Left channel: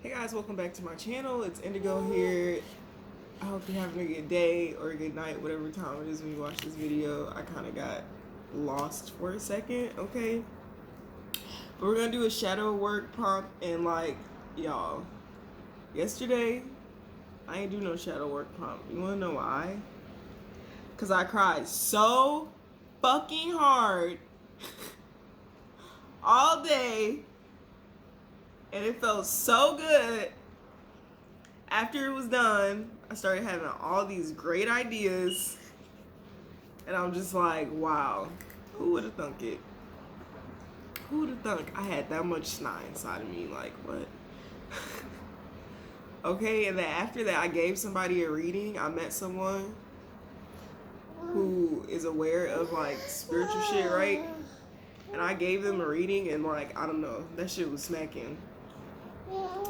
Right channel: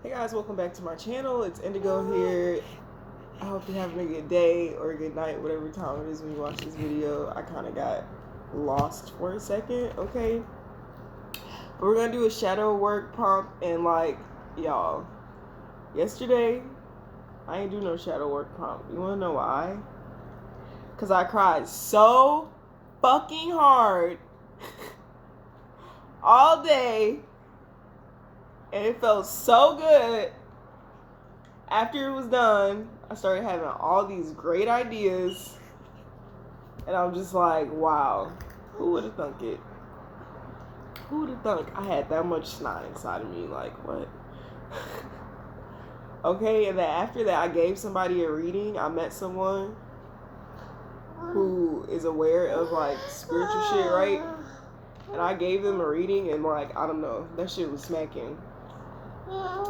Hey guys, welcome back to my channel. It's Indigo here. I hope you're having a good day or a good night, whatever time it is when you watch this video. I kind of got lost for a second, okay? But we're going to do a shadow work prompt, and y'all, yesterday, I ain't do no shadow work prompt. You want to know why? Because I cried so fucking hard all day, and it felt so good. After it was done, I started having all these great ideas, and I'm just like, wow, who would have thunk it? Who would have thunk I had that much snot inside of me? Like, what? Okay, and then after that, I gave somebody a reading. I met someone who is aware of like spiritual shit, right? And I gave them a reading, and I don't know, that shit was smacking.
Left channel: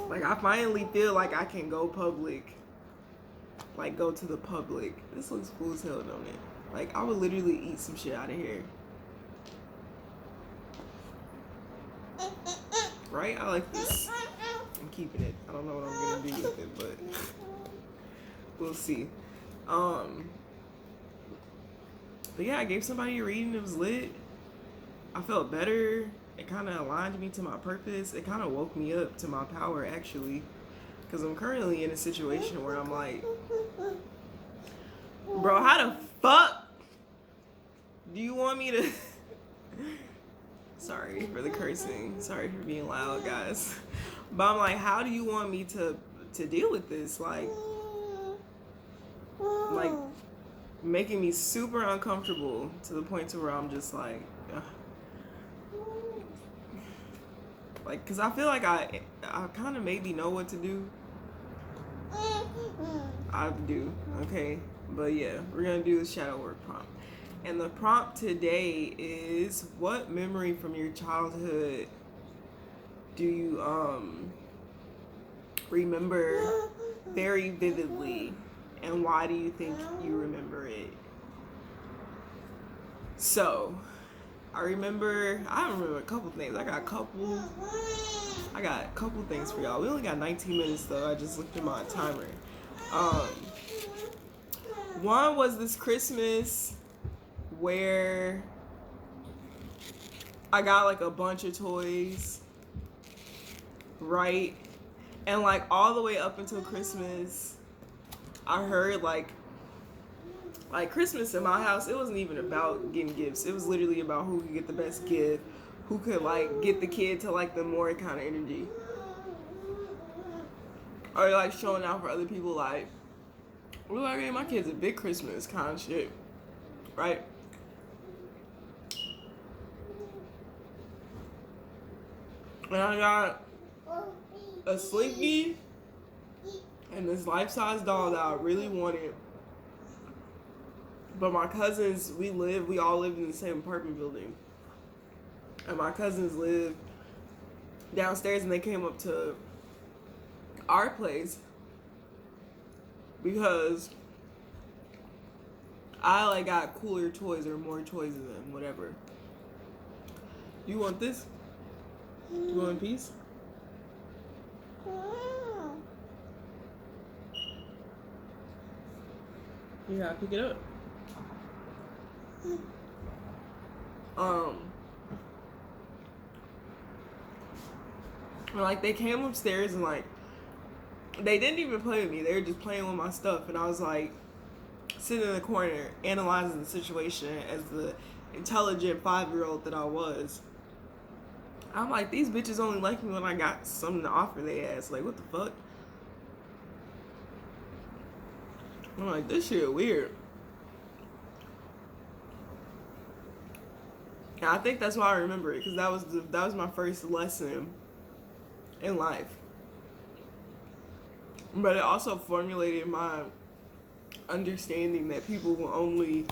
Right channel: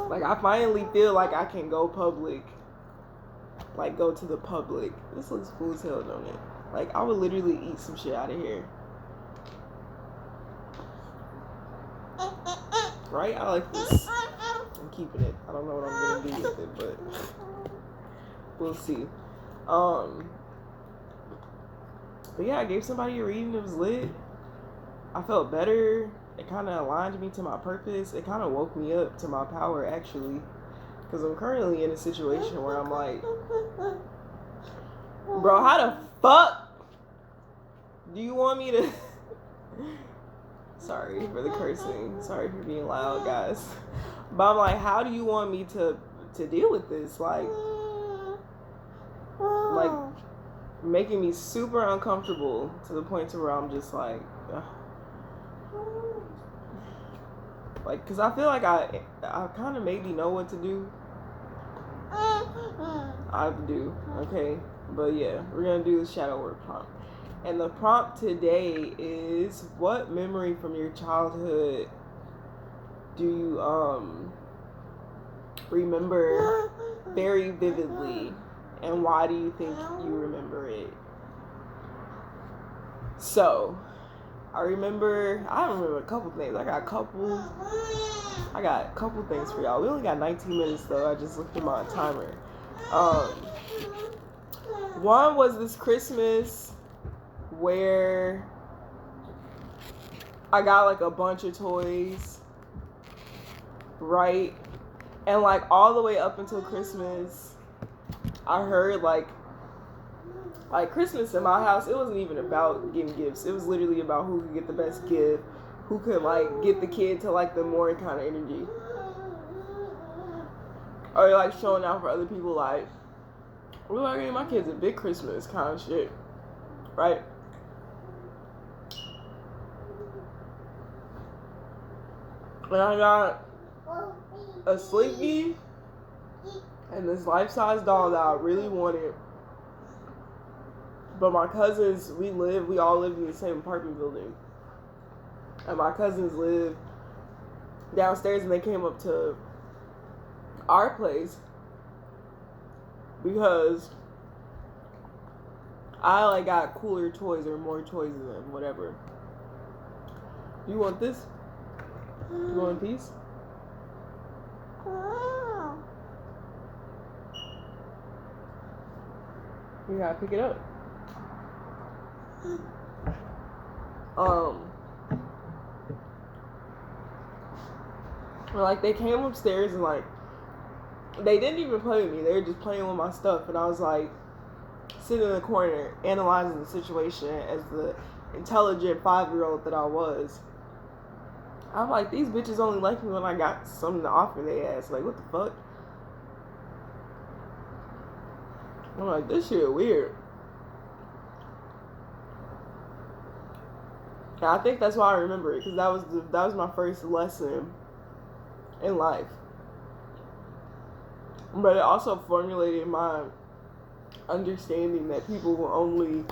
Like, I finally feel like I can go public. Like, go to the public. This looks cool as hell, don't it? Like, I would literally eat some shit out of here. Right? I like this. I'm keeping it. I don't know what I'm gonna do with it, but we'll see. But yeah, I gave somebody a reading. It was lit. I felt better. It kind of aligned me to my purpose. It kind of woke me up to my power, actually. Because I'm currently in a situation where I'm like, bro, how the fuck do you want me to... Sorry for the cursing. Sorry for being loud, guys. But I'm like, how do you want me to deal with this? Like making me super uncomfortable to the point to where I'm just like... Like, because I feel like I kind of maybe know what to do. I do, okay? But yeah, we're going to do the shadow work prompt. And the prompt today is, what memory from your childhood do you remember very vividly? And why do you think you remember it? So, I remember a couple things. I got a couple things for y'all. We only got 19 minutes though. I just looked at my timer. One was this Christmas where I got like a bunch of toys, right? And like all the way up until Christmas, I heard like Christmas in my house, it wasn't even about getting gifts. It was literally about who could get the best gift, who could like get the kid to like the more kind of energy, or like showing out for other people. Like, well, I mean, my kid's a big Christmas kind of shit, right? And I got a Slinky and this life-size doll that I really wanted. But my cousins, we all lived in the same apartment building. And my cousins lived downstairs, and they came up to our place because I like got cooler toys or more toys than them, whatever. You want this? You want a piece? You gotta pick it up. Like, they came upstairs and like they didn't even play with me. They were just playing with my stuff, and I was like sitting in the corner analyzing the situation as the intelligent 5-year-old that I was. I'm like, these bitches only like me when I got something to offer their ass. Like, what the fuck? I'm like, this shit weird. And I think that's why I remember it, because that was my first lesson in life. But it also formulated my understanding that people will only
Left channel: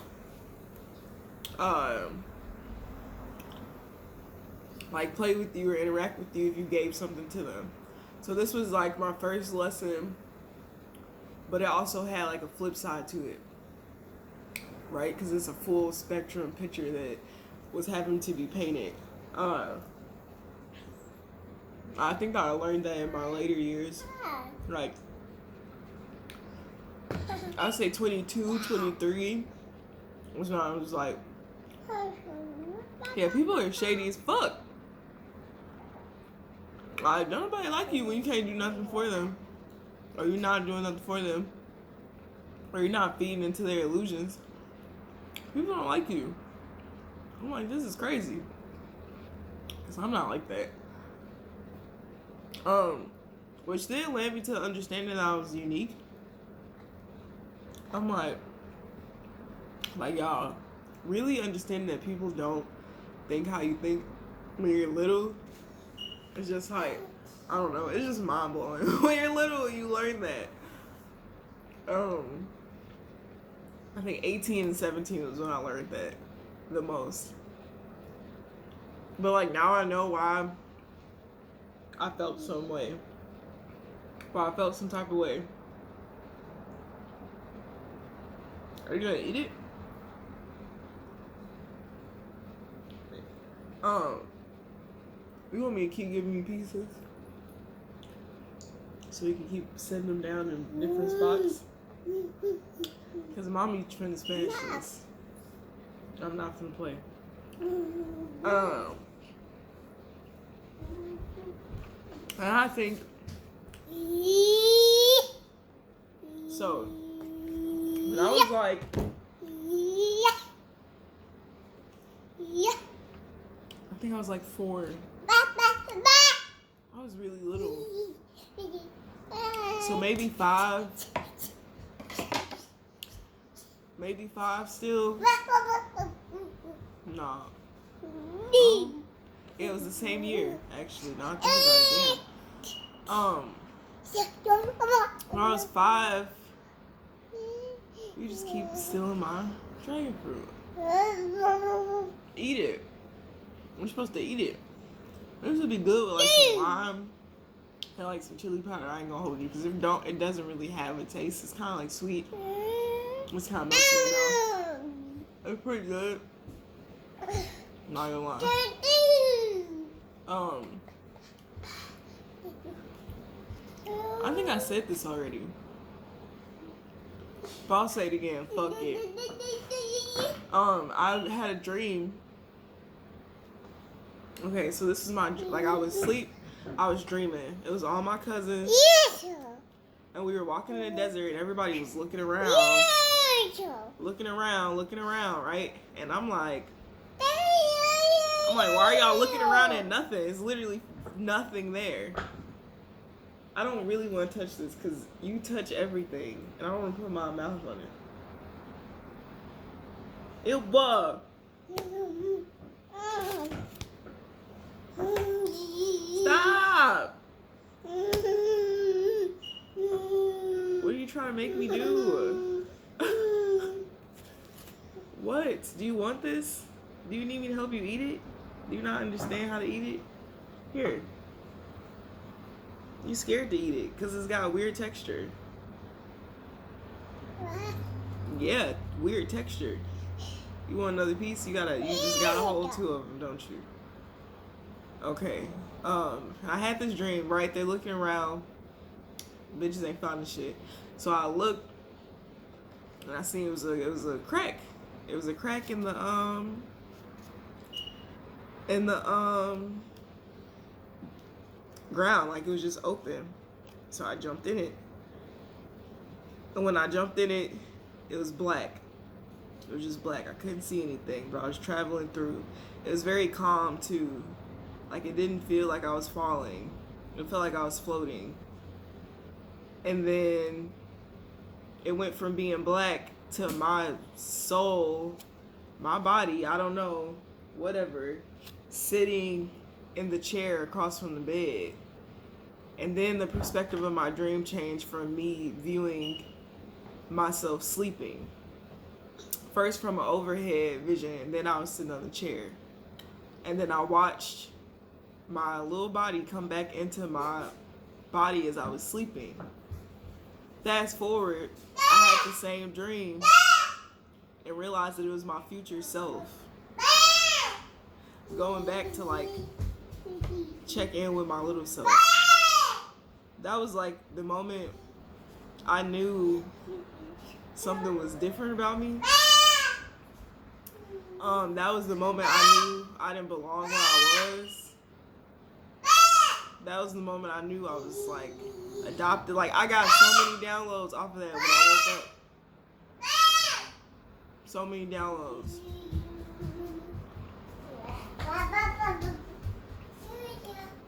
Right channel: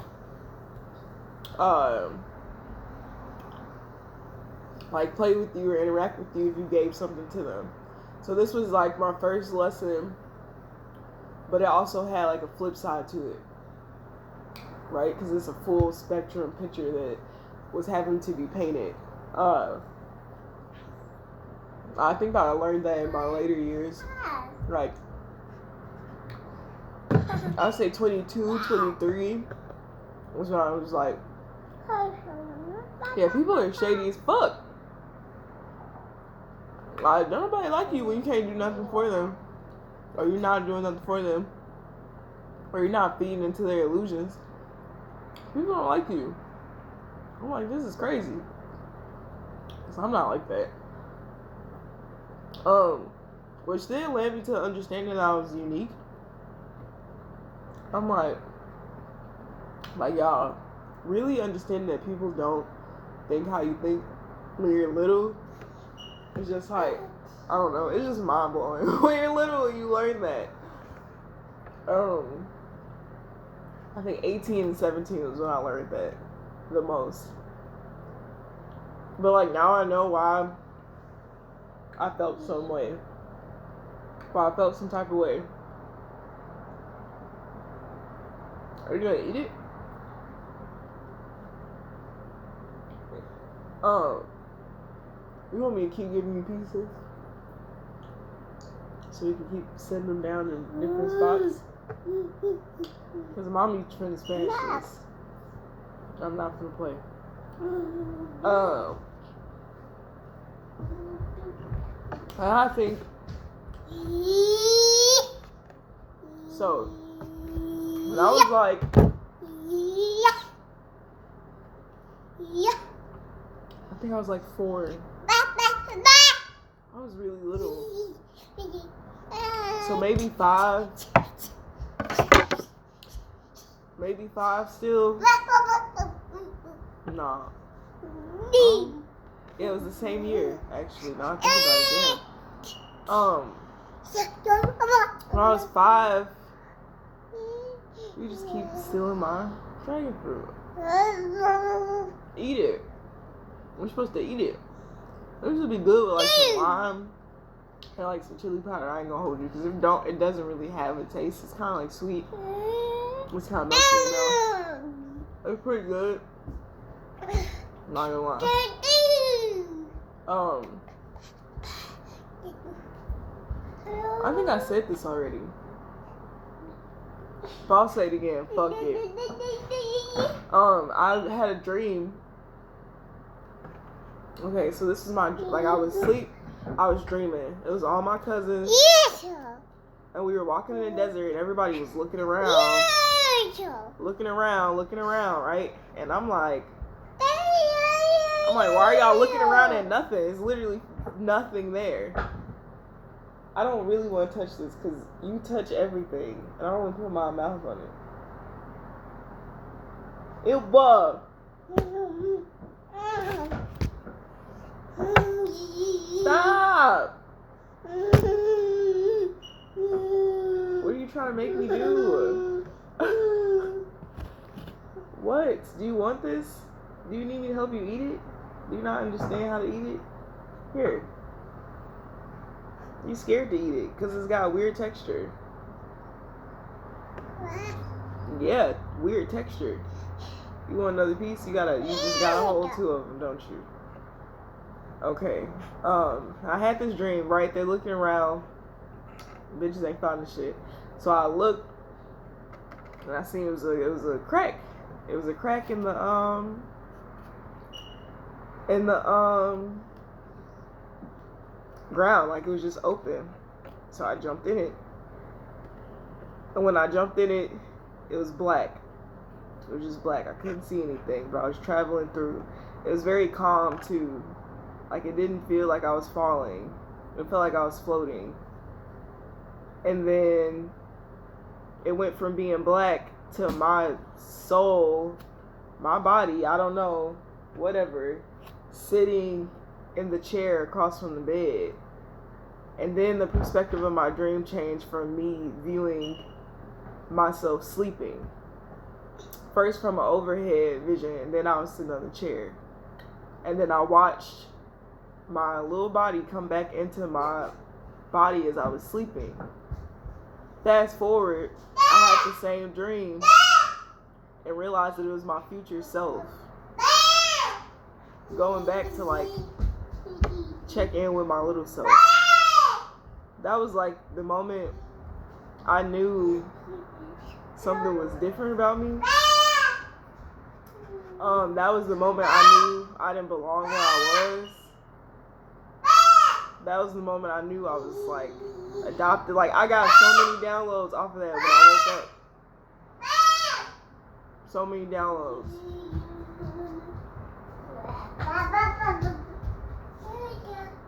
like play with you or interact with you if you gave something to them. So this was like my first lesson, but it also had like a flip side to it, right? Because it's a full spectrum picture that was having to be painted. I think that I learned that in my later years. Like, I'd say 22, 23 was when I was like, yeah, people are shady as fuck. Like, don't nobody like you when you can't do nothing for them. Or you're not doing nothing for them. Or you're not feeding into their illusions. People don't like you. I'm like, this is crazy. Because I'm not like that. Which then led me to understanding that I was unique. I'm like, y'all, really understanding that people don't think how you think when you're little. It's just like, I don't know, it's just mind blowing. When you're little, you learn that. I think 18 and 17 was when I learned that the most. But like now I know why I felt some way. Why I felt some type of way. Are you gonna eat it? You want me to keep giving you pieces? So you can keep setting them down in different spots? Because mommy trying to smash this. I'm not gonna play. And I think so when I was like I think I was like 4. I was really little. So maybe 5. Maybe 5 still. Nah. Yeah, it was the same year, actually. Now I think about it. When I was 5, you just keep stealing my dragon fruit. Eat it. We're supposed to eat it. This would be good with like some lime and like some chili powder. I ain't gonna hold you because it doesn't really have a taste. It's kind of like sweet. It's kind of melty, you know. It's pretty good. I'm not gonna lie. I think I said this already. But I'll say it again. Fuck it. I had a dream. Okay, so this is my, like I was asleep, I was dreaming. It was all my cousins. And we were walking in the desert and everybody was looking around. Looking around, right? And I'm like, why are y'all looking around at nothing? It's literally nothing there. I don't really want to touch this because you touch everything. And I don't want to put my mouth on it. It was. Stop! What are you trying to make me do? What? Do you want this? Do you need me to help you eat it? Do you not understand how to eat it? Here. You scared to eat it because it's got a weird texture. Yeah, weird texture. You want another piece? You just gotta hold 2 of them, don't you? Okay. I had this dream, right? They're looking around. Bitches ain't finding shit. So I looked and I seen it was a crack. It was a crack in the ground, like it was just open. So I jumped in it. And when I jumped in it, it was black. It was just black. I couldn't see anything, but I was traveling through. It was very calm too. Like it didn't feel like I was falling. It felt like I was floating. And then it went from being black to my soul, my body, I don't know, whatever, sitting in the chair across from the bed. And then the perspective of my dream changed from me viewing myself sleeping. First from an overhead vision, and then I was sitting on the chair. And then I watched my little body come back into my body as I was sleeping. Fast forward, I had the same dream and realized that it was my future self. Going back to like check in with my little self. That was like the moment I knew something was different about me. That was the moment I knew I didn't belong where I was. That was the moment I knew I was like adopted. Like I got so many downloads off of that when I woke up. So many downloads.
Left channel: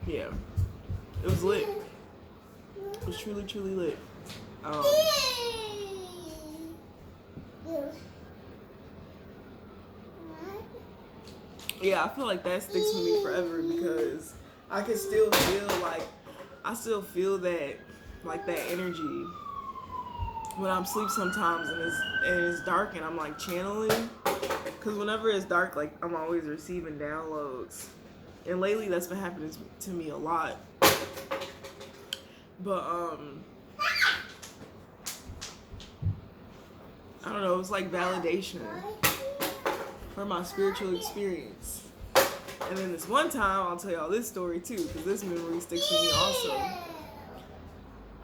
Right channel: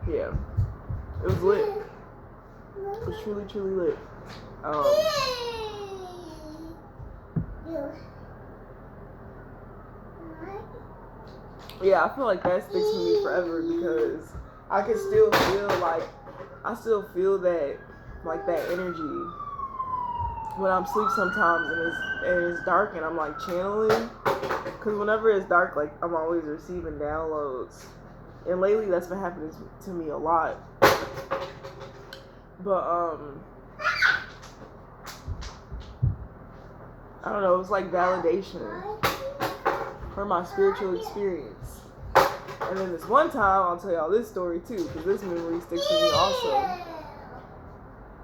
Yeah. It was lit. It was truly, truly lit. Yeah, I feel like that sticks with me forever because I can still feel like, I still feel that, like that energy when I'm asleep sometimes and it's dark and I'm like channeling. Because whenever it's dark, like I'm always receiving downloads. And lately that's been happening to me a lot. But, I don't know, it was like validation for my spiritual experience. And then this one time, I'll tell y'all this story too, because this memory sticks with me also.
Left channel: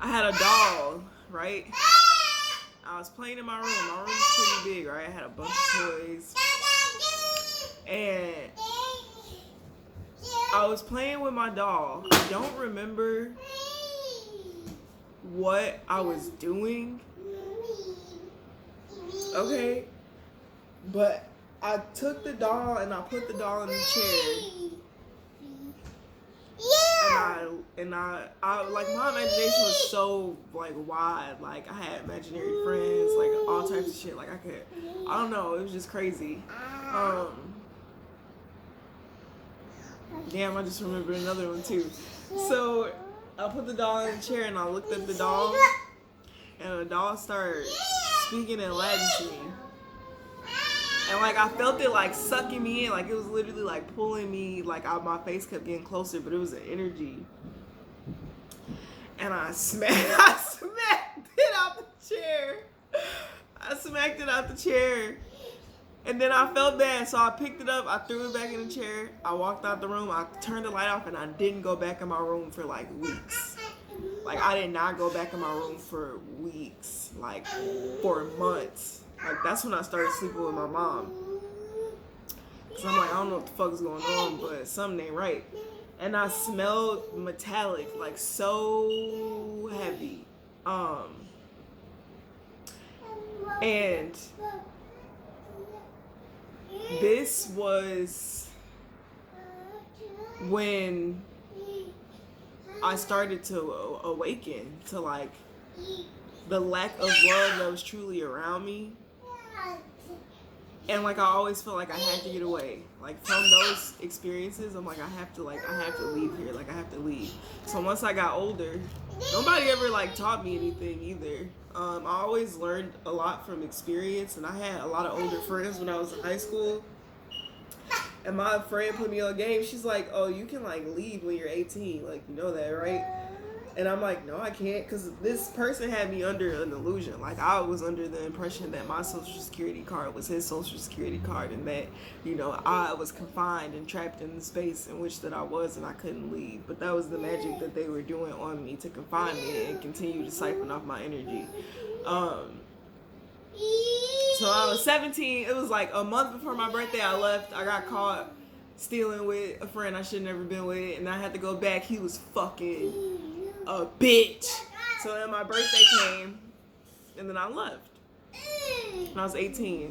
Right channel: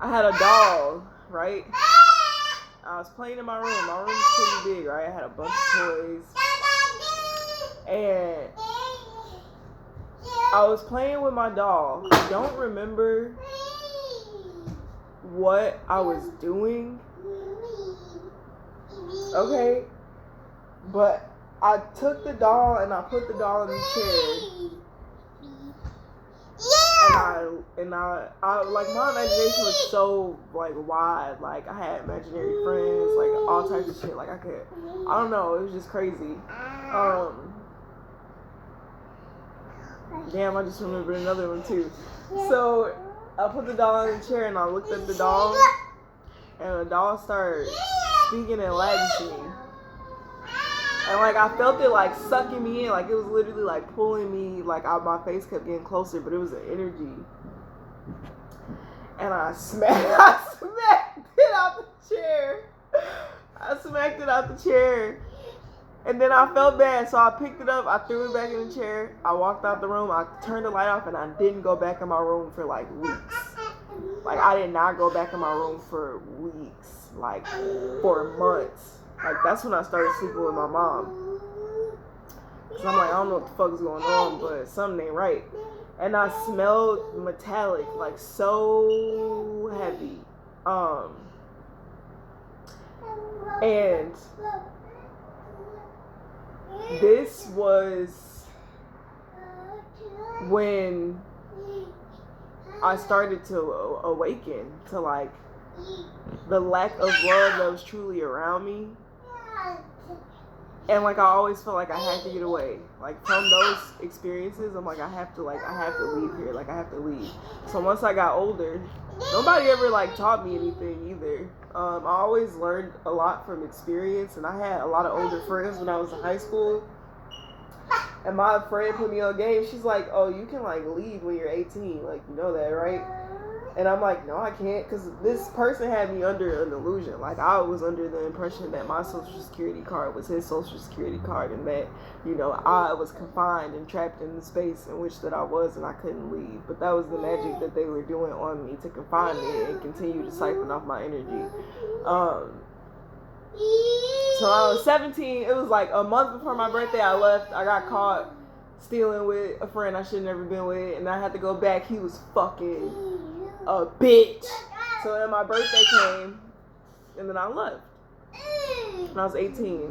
I had a doll, right? I was playing in my room. My room is pretty big, right? I had a bunch of toys. And I was playing with my doll. I don't remember what I was doing. Okay? But I took the doll and I put the doll in the chair. And I like my imagination was so like wide. Like I had imaginary friends, like all types of shit. Like I don't know, it was just crazy. Damn, I just remembered another one too. So I put the doll in the chair and I looked at the doll and the doll started speaking in Latin to me. And like I felt it like sucking me in, like it was literally like pulling me, like my face kept getting closer, but it was an energy. And I smacked it out the chair. I smacked it out the chair. And then I felt bad, so I picked it up, I threw it back in the chair, I walked out the room, I turned the light off, and I didn't go back in my room for like weeks. Like I did not go back in my room for weeks, like for months. Like that's when I started sleeping with my mom. So I'm like, I don't know what the fuck is going on, but something ain't right. And I smelled metallic, like so heavy. And this was when I started to awaken to like the lack of love that was truly around me. And like I always felt like I had to get away. Like from those experiences, I'm like I have to leave here. Like I have to leave. So once I got older, nobody ever like taught me anything either. I always learned a lot from experience, and I had a lot of older friends when I was in high school. And my friend put me on game. She's like, "Oh, you can like leave when you're 18. Like you know that, right?" And I'm like, no, I can't, because this person had me under an illusion. Like, I was under the impression that my Social Security card was his Social Security card, and that, you know, I was confined and trapped in the space in which that I was, and I couldn't leave. But that was the magic that they were doing on me to confine me and continue to siphon off my energy. So I was 17. It was like a month before my birthday. I left. I got caught stealing with a friend I should have never been with, and I had to go back. He was fucking a bitch. So then my birthday came, and then I left. When I was 18.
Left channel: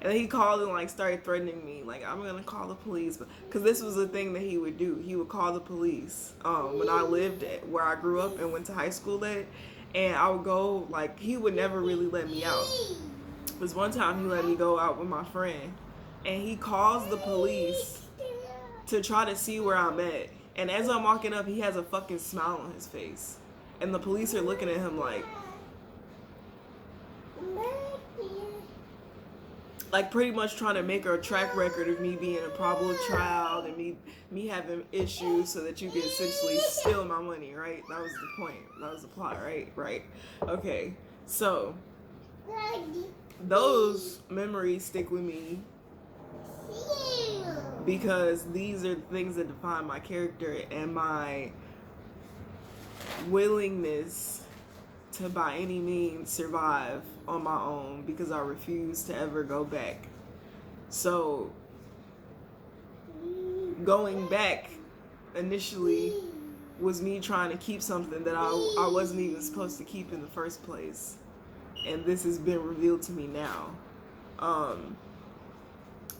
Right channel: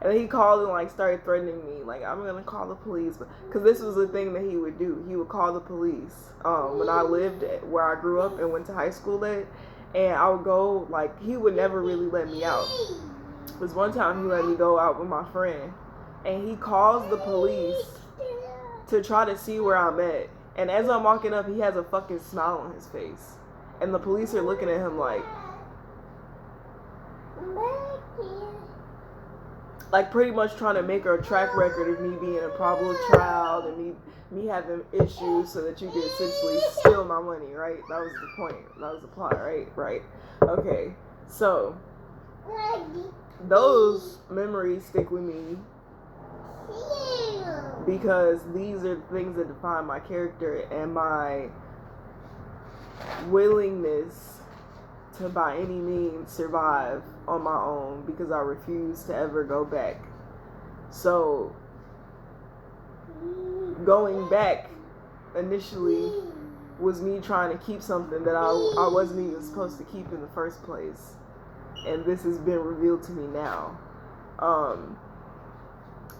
And then he called and like started threatening me, like I'm gonna call the police, because this was the thing that he would do. He would call the police. When I lived at where I grew up and went to high school at, and I would go, like he would never really let me out. Because one time he let me go out with my friend, and he calls the police to try to see where I'm at. And as I'm walking up, he has a fucking smile on his face. And the police are looking at him like pretty much trying to make a track record of me being a problem child and me having issues so that you can essentially steal my money, right? That was the point. That was the plot, right? Right. Okay. So those memories stick with me because these are the things that define my character and my willingness to by any means survive on my own, because I refuse to ever go back. So going back initially was me trying to keep something that I wasn't even supposed to keep in the first place. And this has been revealed to me now.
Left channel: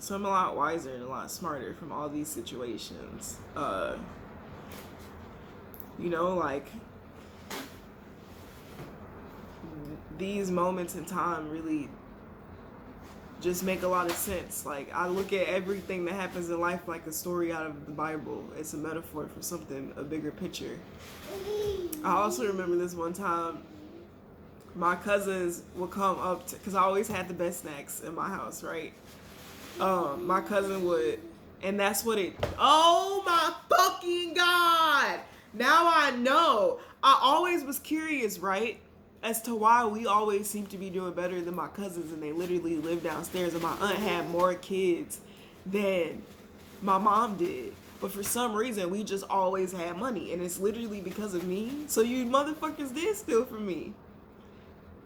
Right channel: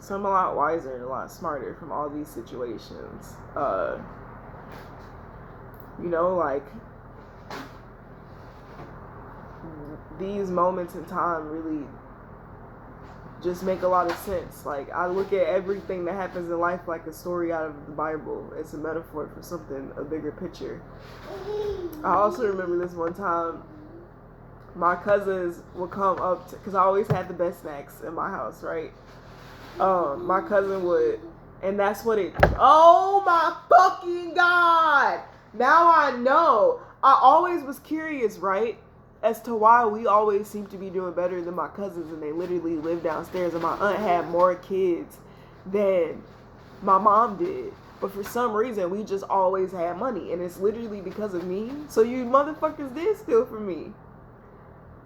So I'm a lot wiser and a lot smarter from all these situations. You know, like, these moments in time really just make a lot of sense. Like, I look at everything that happens in life like a story out of the Bible. It's a metaphor for something, a bigger picture. I also remember this one time, my cousins would come up to, because I always had the best snacks in my house, right? My cousin would, and that's what it, oh my fucking God! Now I know. I always was curious, right? As to why we always seem to be doing better than my cousins, and they literally live downstairs, and my aunt had more kids than my mom did. But for some reason, we just always had money, and it's literally because of me. So you motherfuckers did steal from me.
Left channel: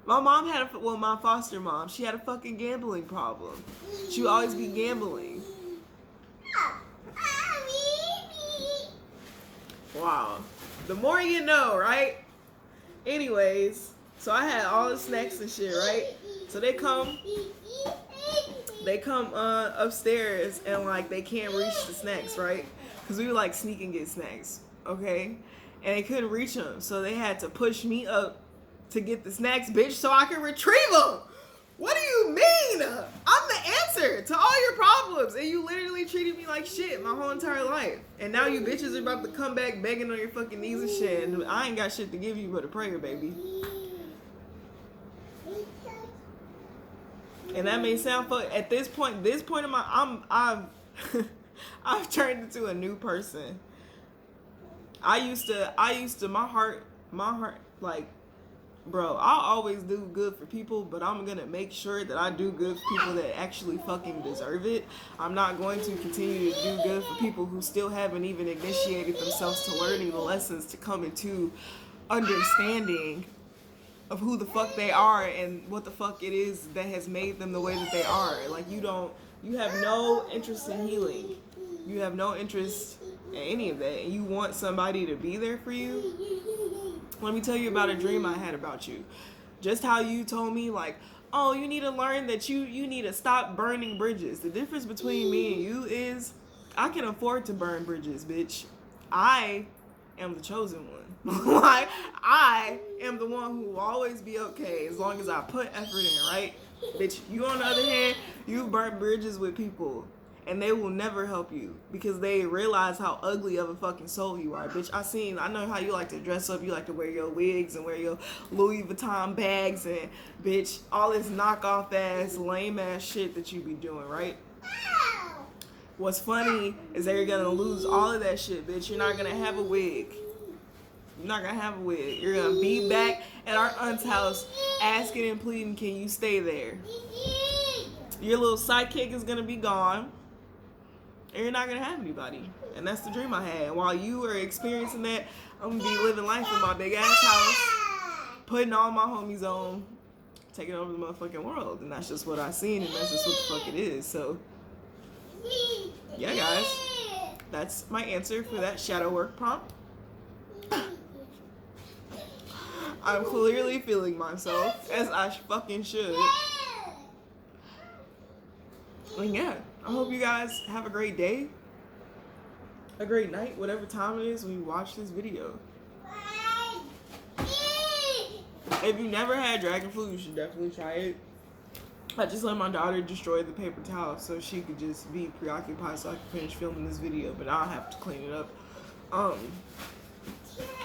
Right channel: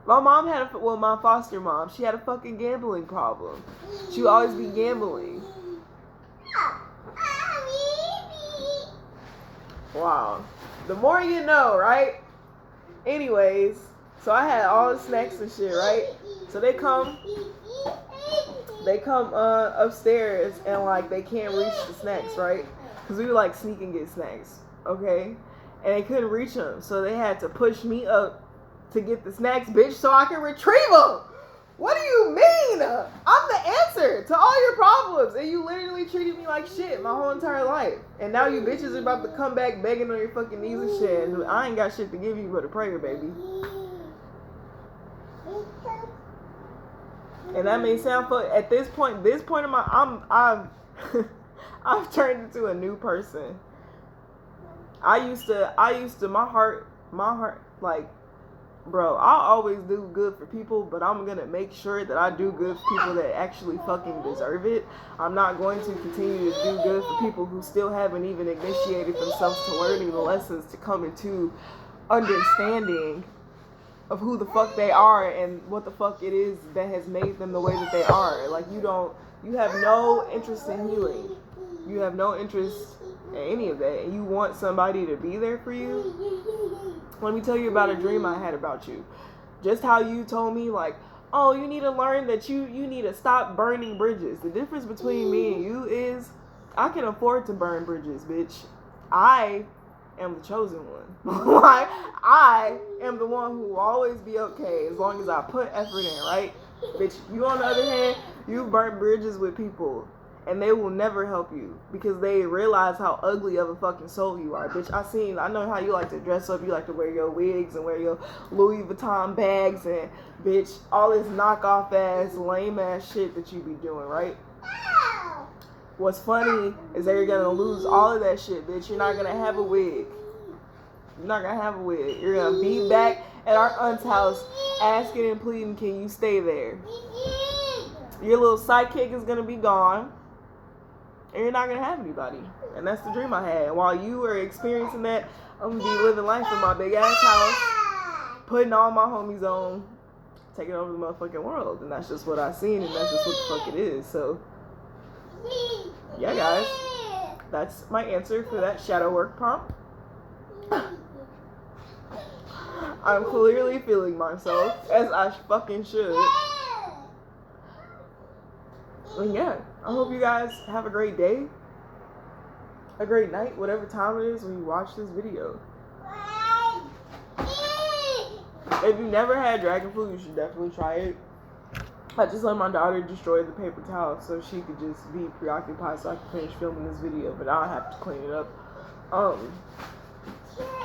My mom had my foster mom, she had a fucking gambling problem. She would always be gambling. Wow. The more you know, right? Anyways, so I had all the snacks and shit, right? So they come upstairs, and like they can't reach the snacks, right? Because we would like sneak and get snacks, okay? And they couldn't reach them, so they had to push me up to get the snacks, bitch, so I can retrieve them. What do you mean? I'm the answer to all your problems, and you literally treated me like shit my whole entire life. And now you bitches are about to come back begging on your fucking knees and shit, and I ain't got shit to give you but a prayer, baby. And that may sound fuck. At this point in my, I've turned into a new person. I used to, my heart, like, bro, I'll always do good for people, but I'm going to make sure that I do good for people that actually fucking deserve it. I'm not going to continue to do good for people who still haven't even initiated themselves to learning the lessons to come into understanding of who the fuck they are and what the fuck it is that has made them the way that they are. Like, you have no interest in healing. You have no interest in any of that, and you want somebody to be there for you. Let me tell you about a dream I had about you. Just how you told me, like, oh, you need to learn that you need to stop burning bridges. The difference between me and you is I can afford to burn bridges, bitch. I am the chosen one. Like, I am the one who will always be okay as long as I put effort in, right? Bitch, you on the other hand, you've burnt bridges with people, and they will never help you because they realize how ugly of a fucking soul you are. Bitch, I know how you like to dress up. You like to wear your wigs and wear your Louis Vuitton bags and, bitch, all this knockoff ass, lame ass shit that you be doing, right? What's funny is that you're gonna lose all of that shit, bitch. You're not gonna have a wig. You're not gonna have a wig. You're gonna be back at our aunt's house asking and pleading, can you stay there? Your little sidekick is gonna be gone. And you're not going to have anybody. And that's the dream I had. And while you are experiencing that, I'm going to be living life in my big ass house, putting all my homies on, taking over the motherfucking world. And that's just what I seen, and that's just what the fuck it is. So, yeah, guys. That's my answer for that shadow work prompt. I'm clearly feeling myself, as I fucking should. And yeah, I hope you guys have a great day, a great night, whatever time it is when you watch this video. If you never had dragon flu, you should definitely try it. I just let my daughter destroy the paper towel so she could just be preoccupied so I could finish filming this video, but I don't have to clean it up.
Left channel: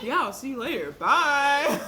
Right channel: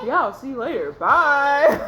Yeah, I'll see you later. Bye.